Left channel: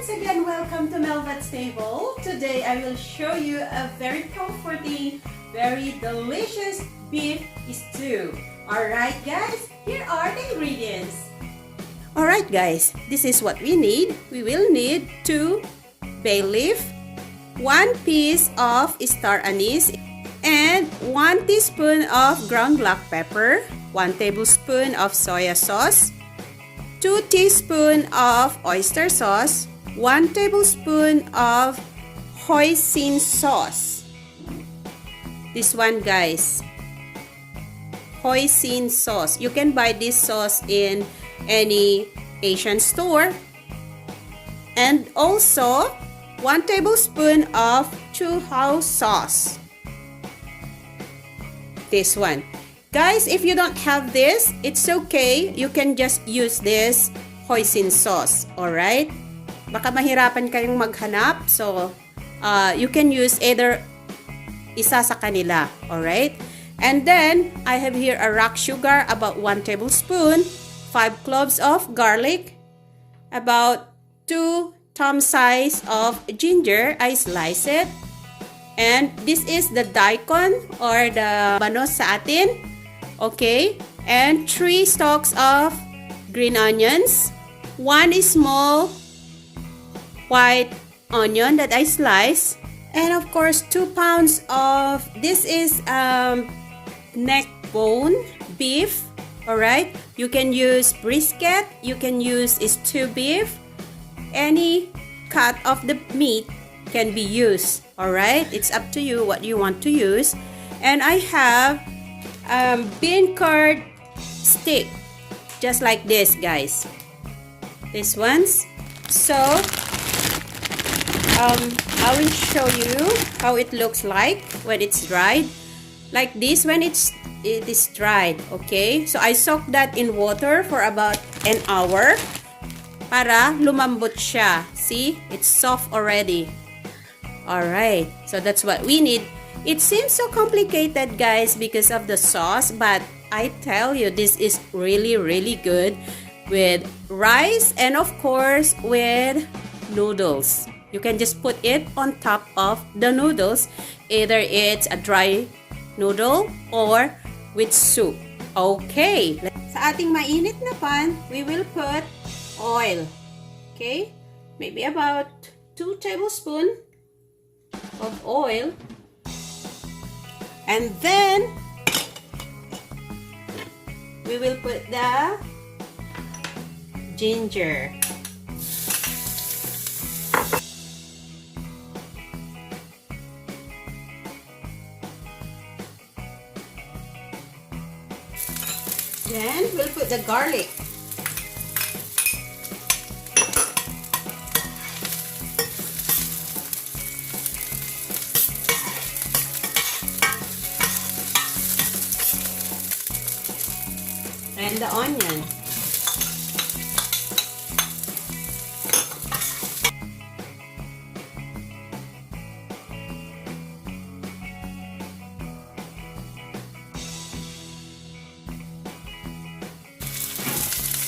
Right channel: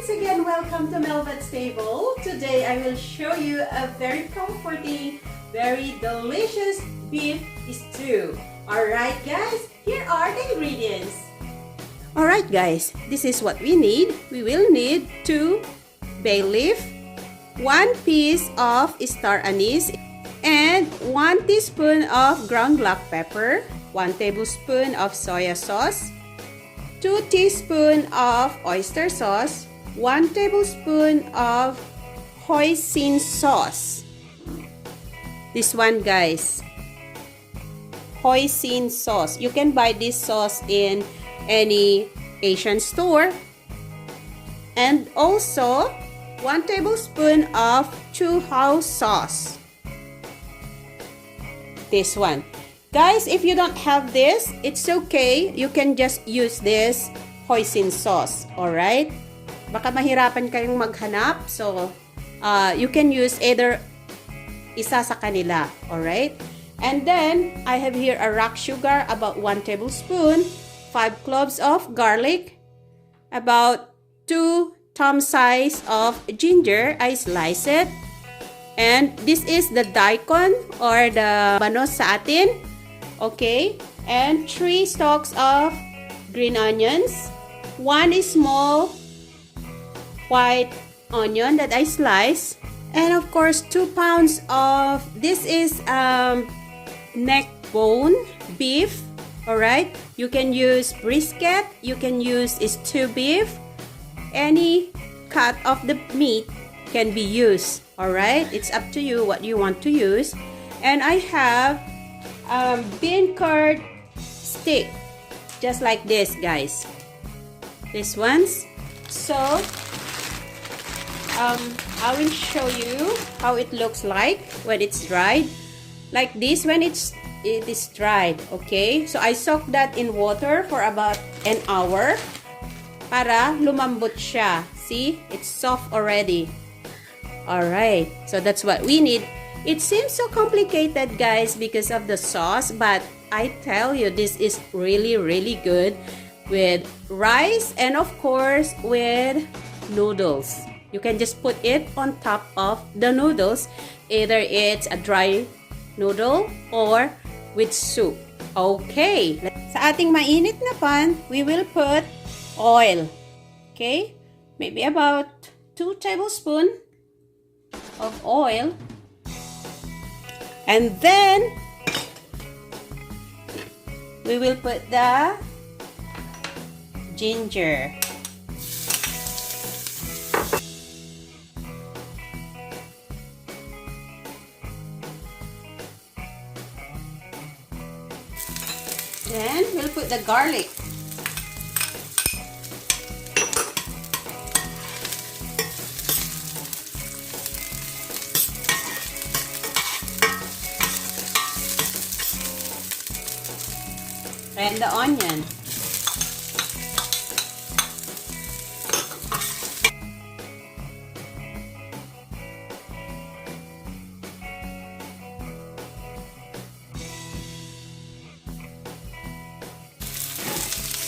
once again, welcome to Mhelbeth's table. Today I will show you a very comforting, very delicious beef stew. Alright guys, here are the ingredients. Alright guys, this is what we need. We will need 2 bay leaf, 1 piece of star anise, and 1 teaspoon of ground black pepper, 1 tablespoon of soy sauce, 2 teaspoons of oyster sauce, 1 tablespoon of hoisin sauce. This one guys, hoisin sauce. You can buy this sauce in any Asian store. And also 1 tablespoon of CHU HOU sauce. This one. Guys, if you don't have this, it's okay. You can just use this hoisin sauce. Alright? Baka mahirapan kayong maghanap. So, you can use either isa sa kanila. Alright? And then, I have here a rock sugar, about 1 tablespoon, 5 cloves of garlic, about 2 thumb size of ginger. I slice it. And this is the daikon or the banos sa atin. Okay, and 3 stalks of green onions, 1 small white onion that I slice, and of course 2 pounds of this is neck bone beef. Alright, you can use brisket, you can use stew beef, any cut of the meat can be used. Alright, it's up to you what you want to use. And I have bean curd stick, just like this guys, this ones. So I will show you how it looks like when it's dried, like this when it is dried. Okay, so I soak that in water for about an hour para lumambot siya. See, it's soft already. Alright, so that's what we need. It seems so complicated guys because of the sauce, but I tell you, this is really good with rice and of course with noodles. You can just put it on top of the noodles, either it's a dry noodle or with soup. Okay, sa ating mainit na pan, we will put oil. Okay, maybe about 2 tablespoons of oil. And then, we will put the ginger. Then, we'll put the garlic. And the onion.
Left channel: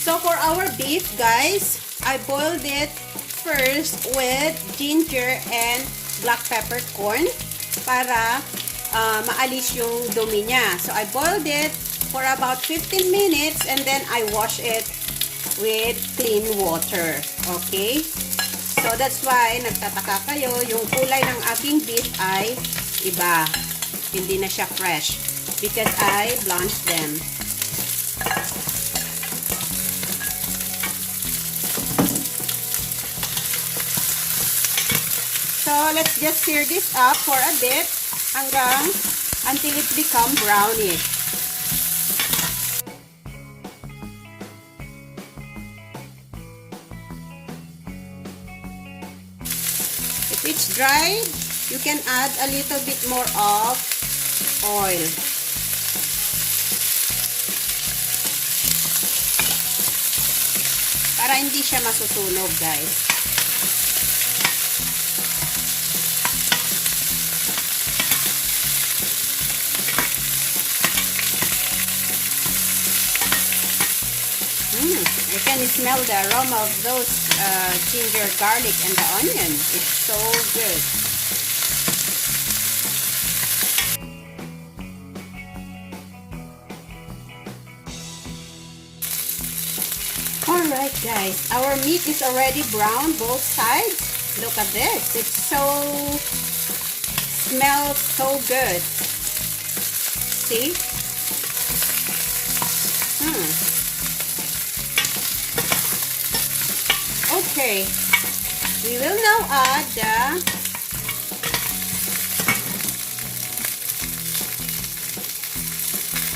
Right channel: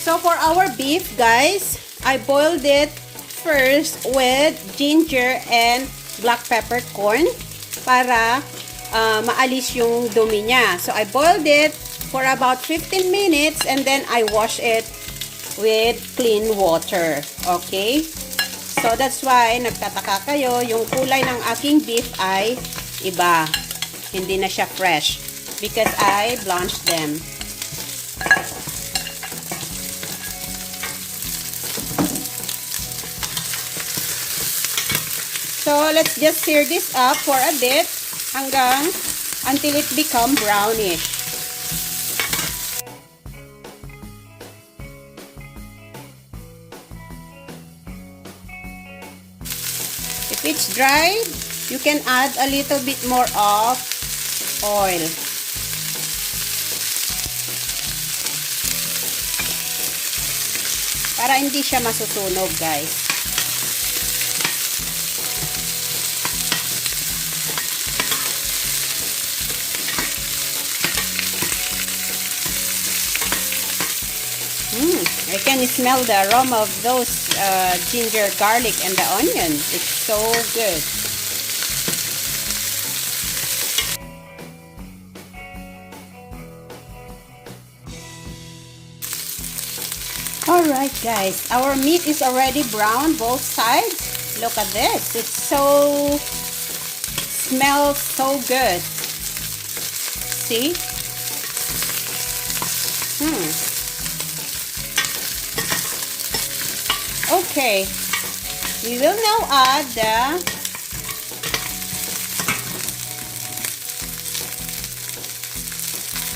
So for our beef guys, I boiled it first with ginger and black pepper corn para maalis yung dumi niya. So I boiled it for about 15 minutes and then I wash it with clean water. Okay? So that's why nagtataka kayo, yung kulay ng aking beef ay iba. Hindi na siya fresh because I blanched them. So let's just sear this up for a bit until it become brownish. If it's dried, you can add a little bit more of oil. Para hindi siya masusunog, guys. I can smell the aroma of those ginger, garlic, and the onion. It's so good. Alright guys, our meat is already brown both sides. Look at this. It smells so good. See? Okay. We will now add the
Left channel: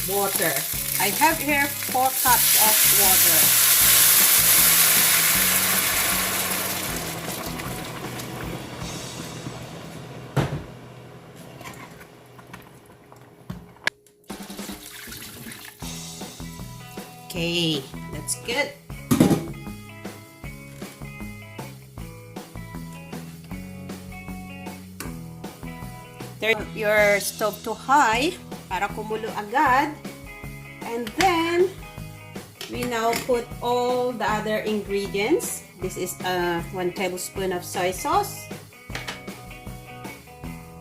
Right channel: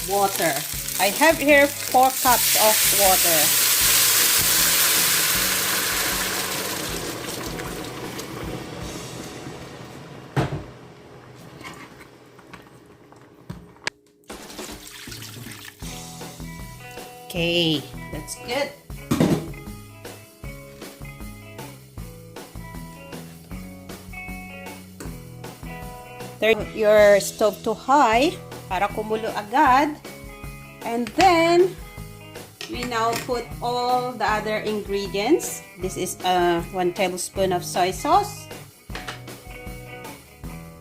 water. I have here 4 cups of water. Okay, that's good. Turn your stove to high para kumulo agad. And then, we now put all the other ingredients. This is 1 tablespoon of soy sauce.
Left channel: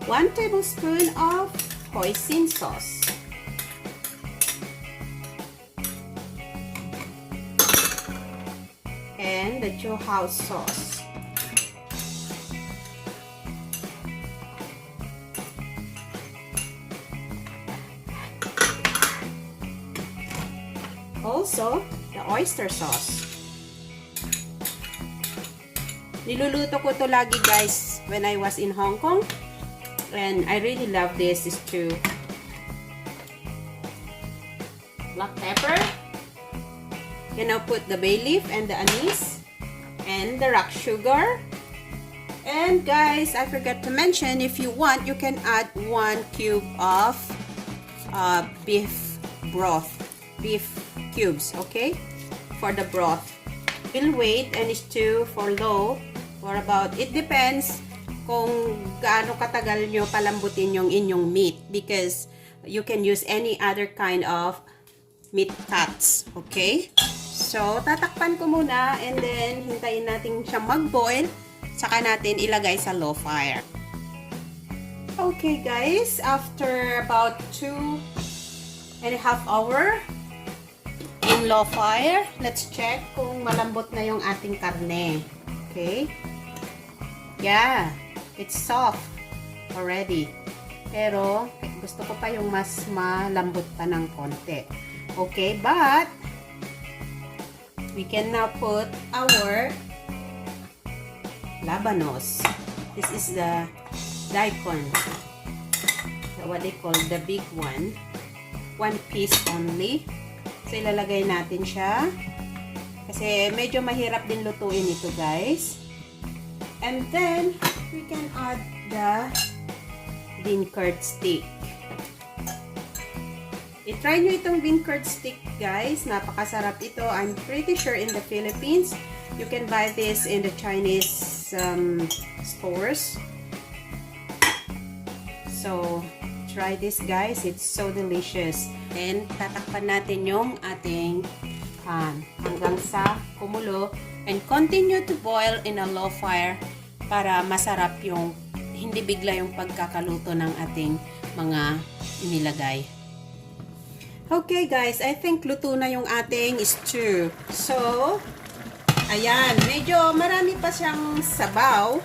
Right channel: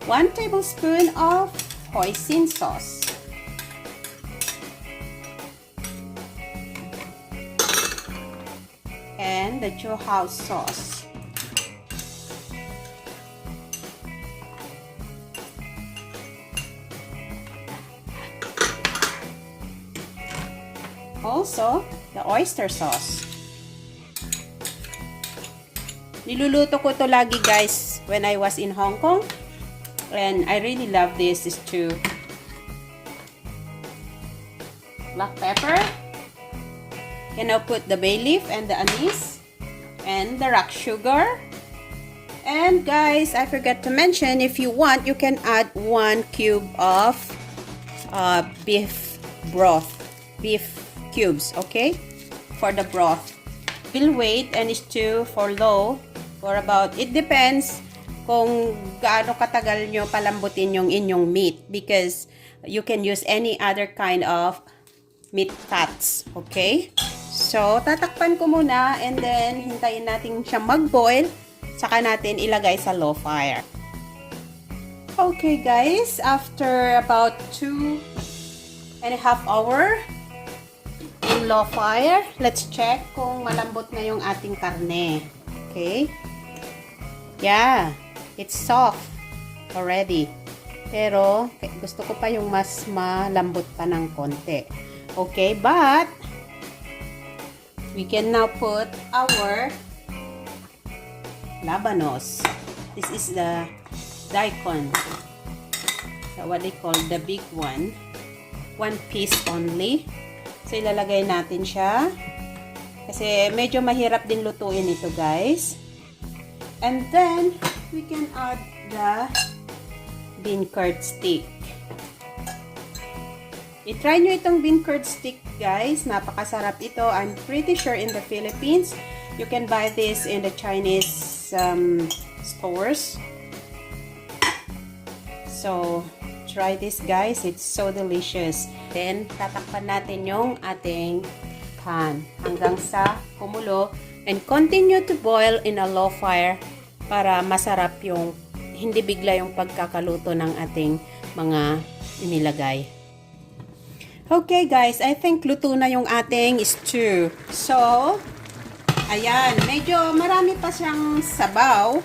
1 tablespoon of hoisin sauce. And the CHU HOU sauce. Also, the oyster sauce. Niluluto ko to lagi guys when I was in Hong Kong. And I really love this stew. Black pepper. You now put the bay leaf and the anise and the rock sugar. And guys, I forgot to mention, if you want, you can add 1 cube of beef broth. Beef cubes, okay? For the broth. We'll wait and stew for low for about, it depends kung gaano katagal nyo palambutin yung inyong meat, because you can use any other kind of meat cuts, okay? So, tatakpan ko muna and then hintayin natin siya mag-boil, saka natin ilagay sa low fire. Okay guys, after about 2.5 hours in low fire, let's check kung malambot na yung ating karne. Okay? Yeah, it's soft already. Pero, gusto ko pa yung mas malambot pa ng konti. Okay, but we can now put our labanos. This is the daikon. What they call the big one. 1 piece only. So, ilalagay natin siya. Kasi medyo mahirap din lutuin ito, guys. And then, we can add the bean curd stick. I-try nyo itong bean curd stick, guys. Napakasarap ito. I'm pretty sure in the Philippines, you can buy this in the Chinese stores. So, try this, guys. It's so delicious. Then, tatakpan natin yung ating pan hanggang sa kumulo. And continue to boil in a low fire para masarap yung, hindi bigla yung pagkakaluto ng ating mga inilagay. Okay guys, I think luto na yung ating stew. So, ayan, medyo marami pa siyang sabaw.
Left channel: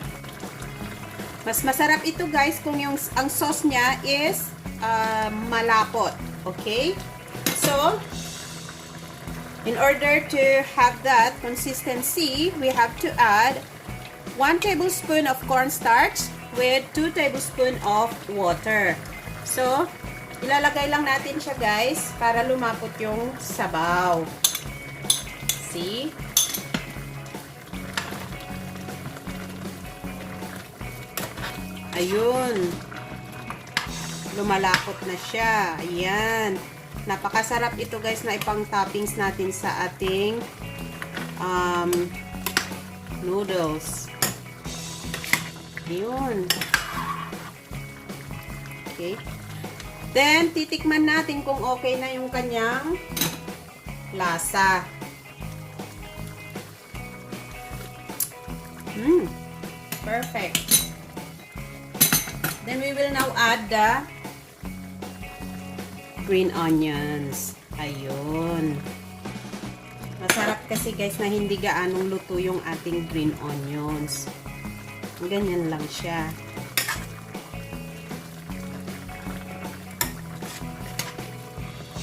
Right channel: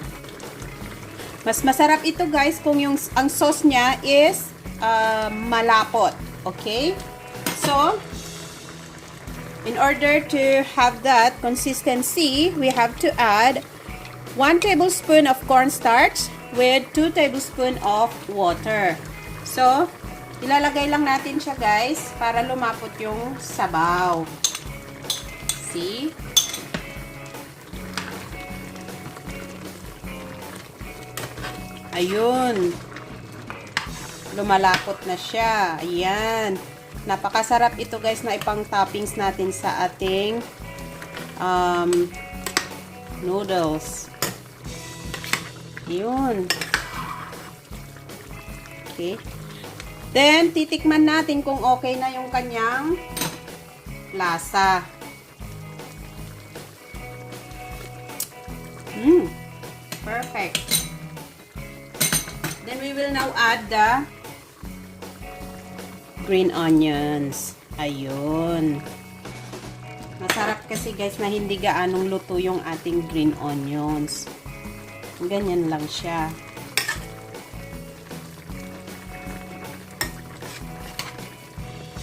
Mas masarap ito guys kung ang sauce niya is malapot. Okay? So, in order to have that consistency, we have to add 1 tablespoon of cornstarch with 2 tablespoons of water. So, ilalagay lang natin siya guys para lumapot yung sabaw. See? Ayun. Lumalapot na siya. Ayan. Napakasarap ito guys na ipang toppings natin sa ating noodles. Ayun. Okay. Then, titikman natin kung okay na yung kanyang lasa. Perfect. Then we will now add the green onions. Ayun. Masarap kasi guys na hindi gaanong luto yung ating green onions. Ganyan lang siya.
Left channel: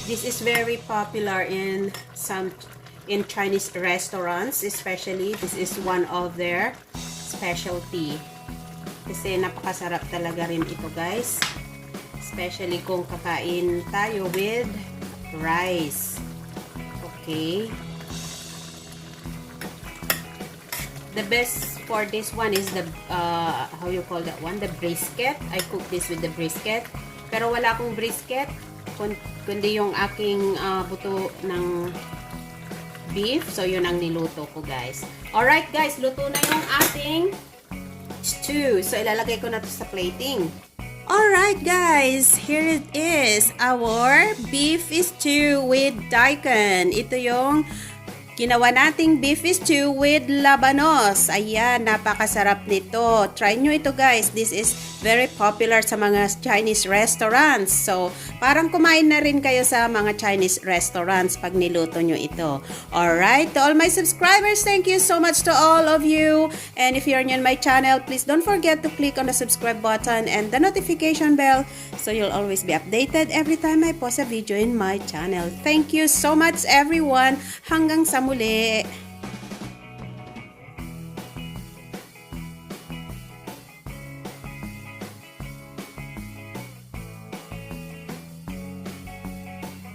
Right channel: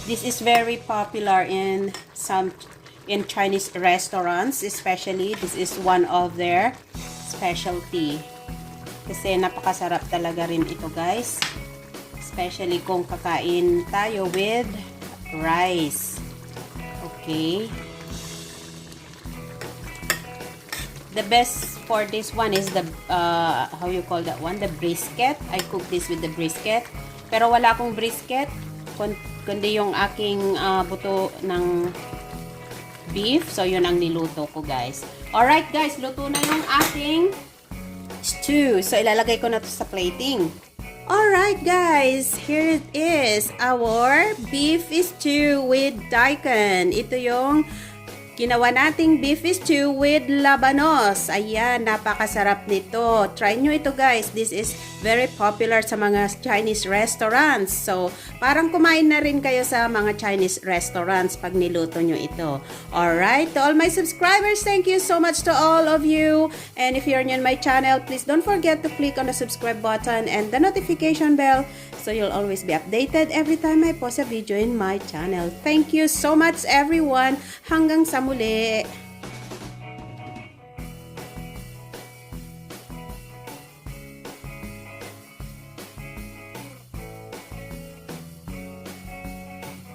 This is very popular in Chinese restaurants, especially. This is one of their specialty. Kasi napakasarap talaga rin ito, guys. Especially kung kakain tayo with rice. Okay. The best for this one is the, how you call that one? The brisket. I cook this with the brisket. Pero wala akong brisket, kundi yung aking buto ng beef. So, yun ang niluto ko, guys. Alright, guys. Luto na yung ating stew. So, ilalagay ko na to sa plating. Alright, guys. Here it is. Our beef stew with daikon. Ito yung ginawa nating beef stew with labanos. Ayan, napakasarap nito. Try nyo ito, guys. This is very popular sa mga Chinese restaurants. So, parang kumain na rin kayo sa mga Chinese restaurants pag niluto nyo ito. Alright, to all my subscribers, thank you so much to all of you. And if you're new on my channel, please don't forget to click on the subscribe button and the notification bell so you'll always be updated every time I post a video in my channel. Thank you so much, everyone. Hanggang sa muli.